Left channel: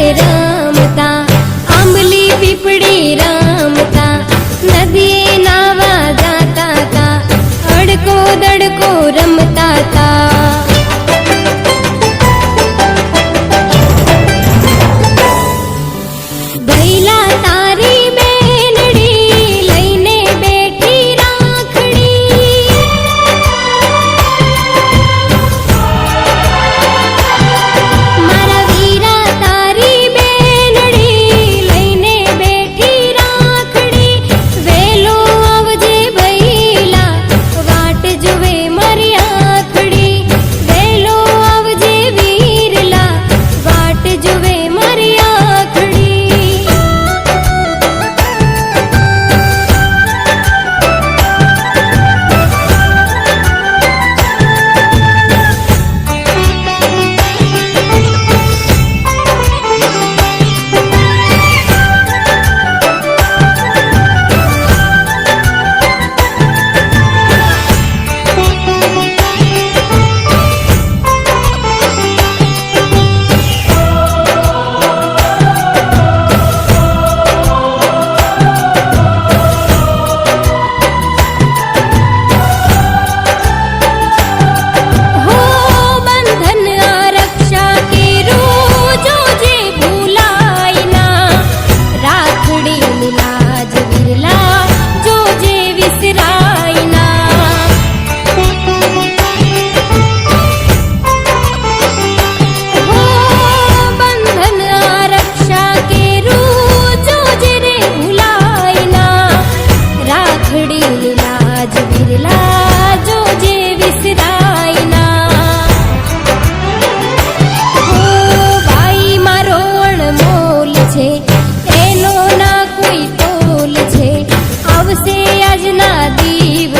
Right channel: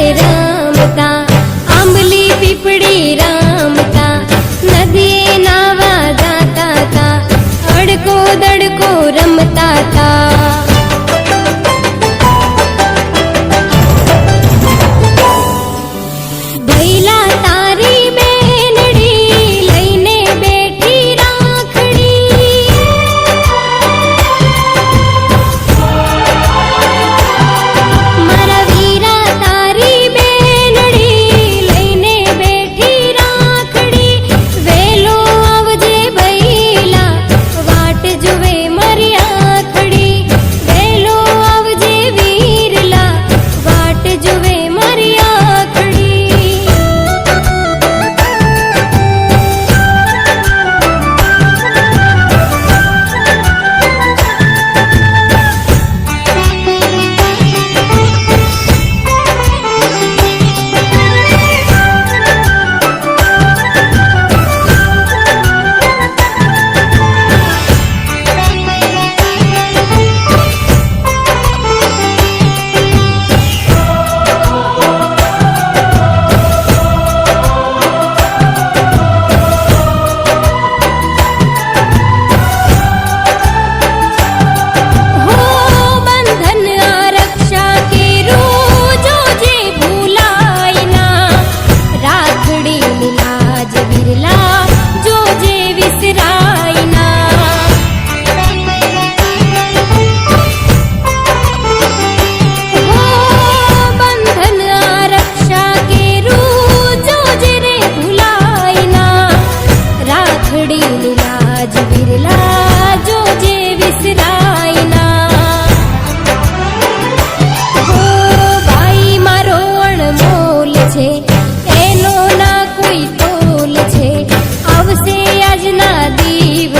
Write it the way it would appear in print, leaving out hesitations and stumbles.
રે રમતા, આંબલી પીપળી રમતા, નદીએ નાવા જાતા તા, અડકો દડકો રમતા તા. ભૈલા તારી બેનડી લઈને બેઠી રાખડી, મારા વીરા તારી બેનડી લઈને બેઠી રાખડી. વેલો આવજે ભૈલા વાટ જુએ મારી આખડી, વેલો આવજે વીરલા વાટ જુએ મારી આખડી. લાજ વિરલા જોજે વિસરાય ના, હો બંધન આરક્ષા કેરું જોજે રે ભૂલાય ના. રાખડી લાજ વિરલા જોજે વિસરાય ના. હો ભાઈ મારો અણમોલ છે, એનો ના કોઈ તોલ છે, આવશે આજના દીવ